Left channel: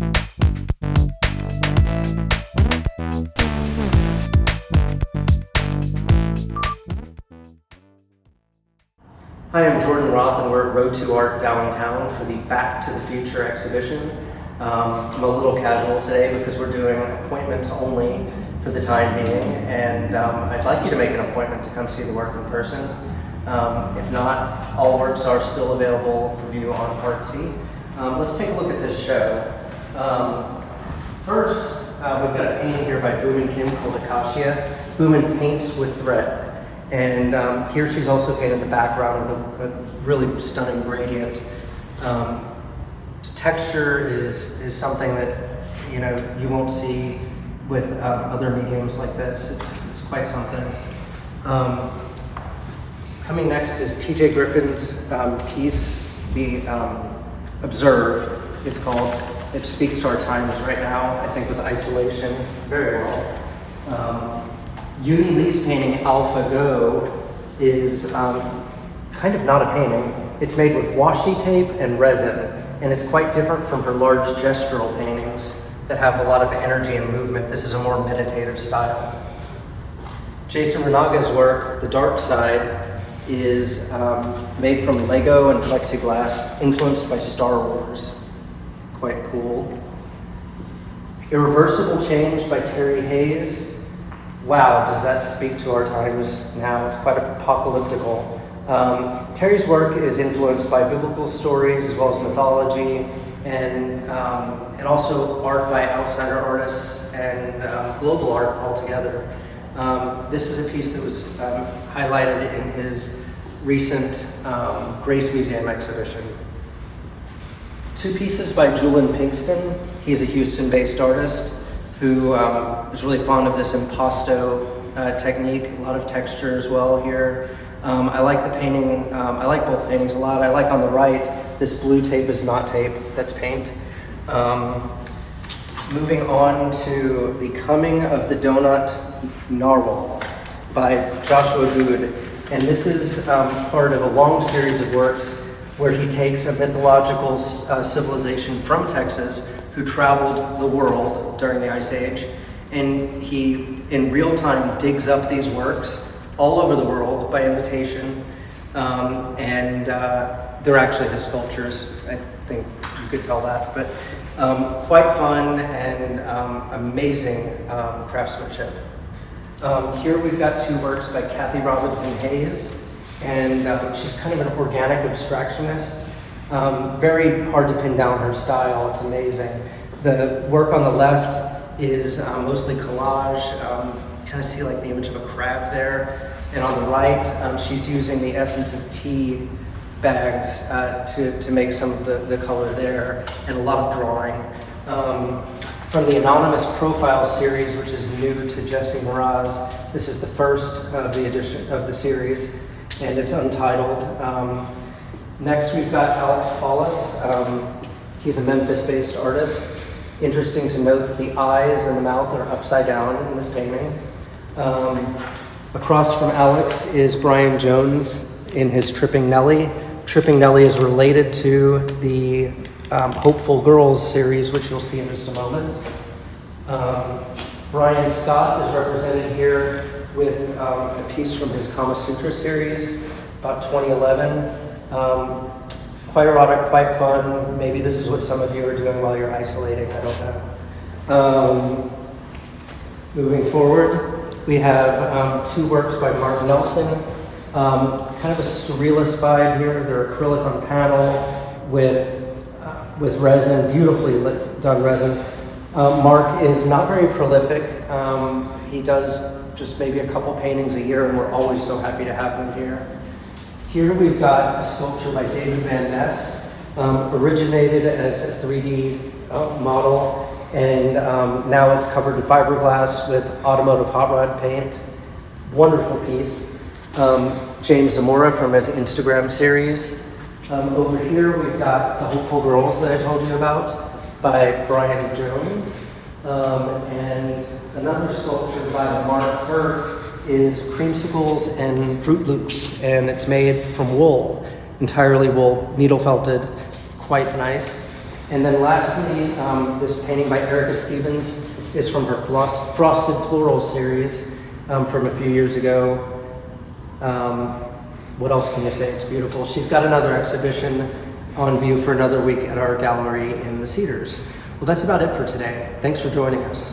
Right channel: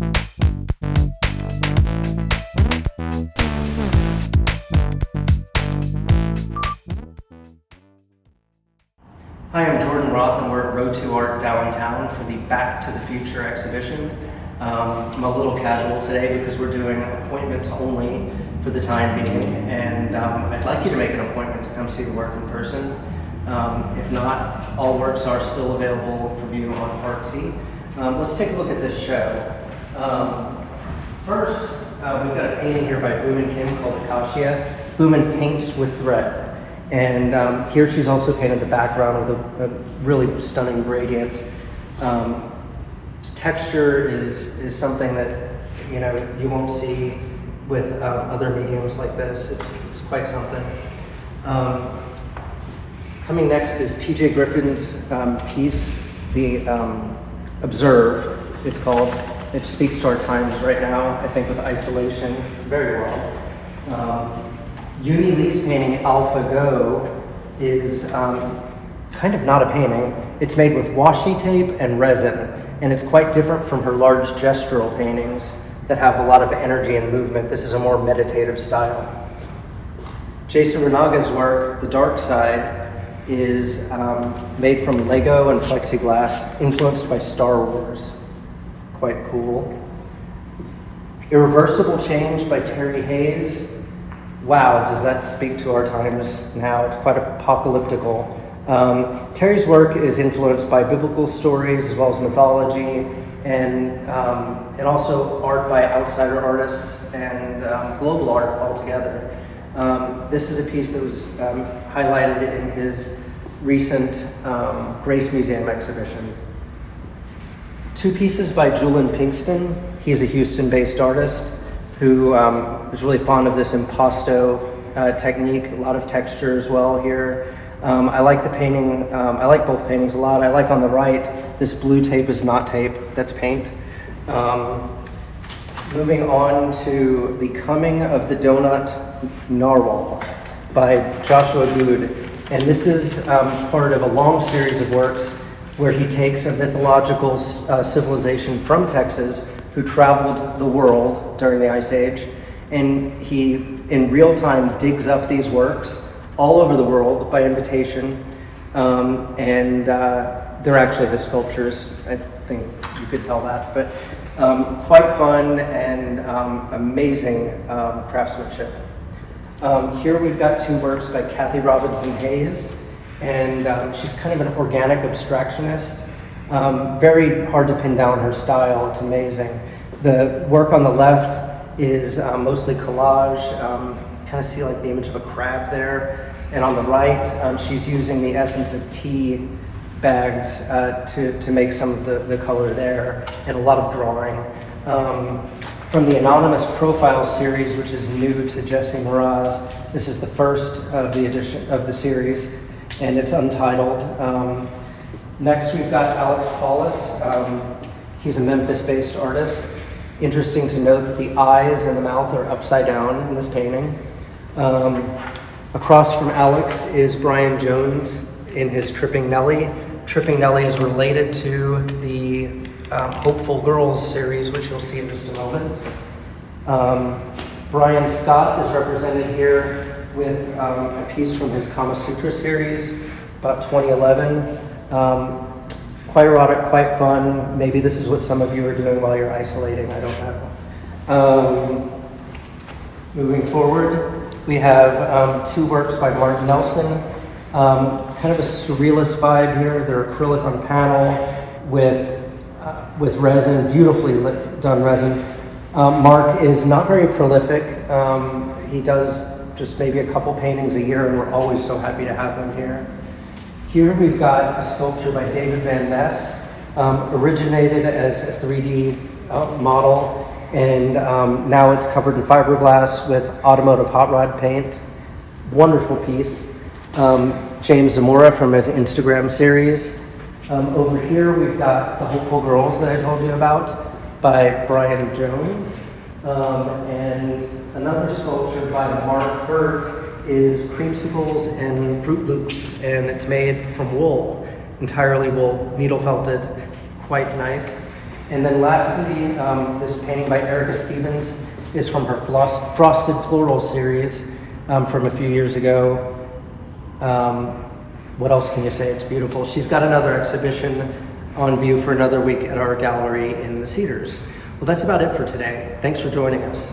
Hi, I'm Jordan Roth, and we're at Ro2 Art downtown for the Back to the Future exhibition. I'm a little casual today because we're doing appointments only for the time being, and I'd like you to make an appointment to come see the work in person. If not, all works are still available for view on Akard St. Let's take a look at this show. First, we've got a painting here by Boomin Kim called Acacia. Boomin paints with thread. And here she's also painted the background with a really stunning gradient. Texture is something that you won't see with other mediums like this. It's quite something. Coming next is T.J. Griffin's piece, the Observe, it's called. It speaks to our times right now, I think, with isolation very well. Uni Lee's painting Alpha Go is kind of not a painting. It's made with washi tape and resin, and it's quite different from her large gestural paintings that have a lot of energy and movement. This is a more meditative style. Jason Renaga's work, The Dark Side, is made from Lego and plexiglass, influenced by Star Wars. Quite cool. Irreversible Change by Terry Hayes. Wow, does that speak to our times now? It's quite apocalyptical. Terry's work is influenced by biblical stories as well as mythology, and also art by outsider artists and global art altogether. This is a piece that was highlighted in his recent Grace Museum exhibition. Two pieces by Julian Pinkston. He's a Houston-based artist who was really fond of this impasto technique, a lot of texture as well here. I like the painting, I like both paintings a lot. I like on the right, this blue tape is not tape, that's paint. Moving on to The Coming of the Donut Narwhals by Joshua Good. And this is part of a long series of works where he takes a mythological civilization from Texas who traveled the world during the Ice Age, and he, in real time, digs up these works all over the world by invitation, and they're actually his sculptures. I think you could tell that, but quite fun and amazing craftsmanship. Here we've got two works by Kathy Robinson Hayes, and she's kind of an organic abstractionist. Very hard to pin down her style, it's amazing. The work on the left is mostly collage, kind of see like the image of a crab there. And on the right, she's using the essence of tea bags to make some of the color there, and a lot of drawing. From the Anonymous Profile series, which is new to Jesse Mraz, this is the first of the edition of the series, and it's untitled. Next, we've got Alex Paulus. He's a Memphis-based artist. Interesting to note that the eyes and the mouth are upside down in this painting. Across from Alex is Brian Jones in his Tripping Nellie. Tripping Nellie is related to the Hopeful Girls series, which you'll see in just a moment. Brian Scott is represented here with a piece from his Kama Sutra series, about 2011. Quite erotic, quite fun. Maybe this is what some of you are doing while you're isolating, I don't know. Moving forward, we have two works by Martin Nelson. Kind of a surrealist vibe here. They're acrylic on panel with resin, beautifully done resin. Mark is not very prolific. He does just maybe a couple paintings a year, and we're always so happy to have him here. Here we've got a sculpture by David Van Ness, originated as a 3D model, and now it's covered in fiberglass with automotive hot rod paint. Wonderful piece. James Zamora from his Instagram series. Over here we've got The Hopeful Girls that I told you about by Brian Jones. And another sculpture by Mark Hurt is Creamsicles and Fruit Loops, and it's made from wool, entirely wool, needle felted, quite nice. And then lastly, this painting by Erica Stevens is from her Frosted Floral series from a few years ago. What else can you say? It's beautiful. She's got another exhibition on view for another week at our gallery in the Cedars. Well, that's about it for today. Thanks for joining us.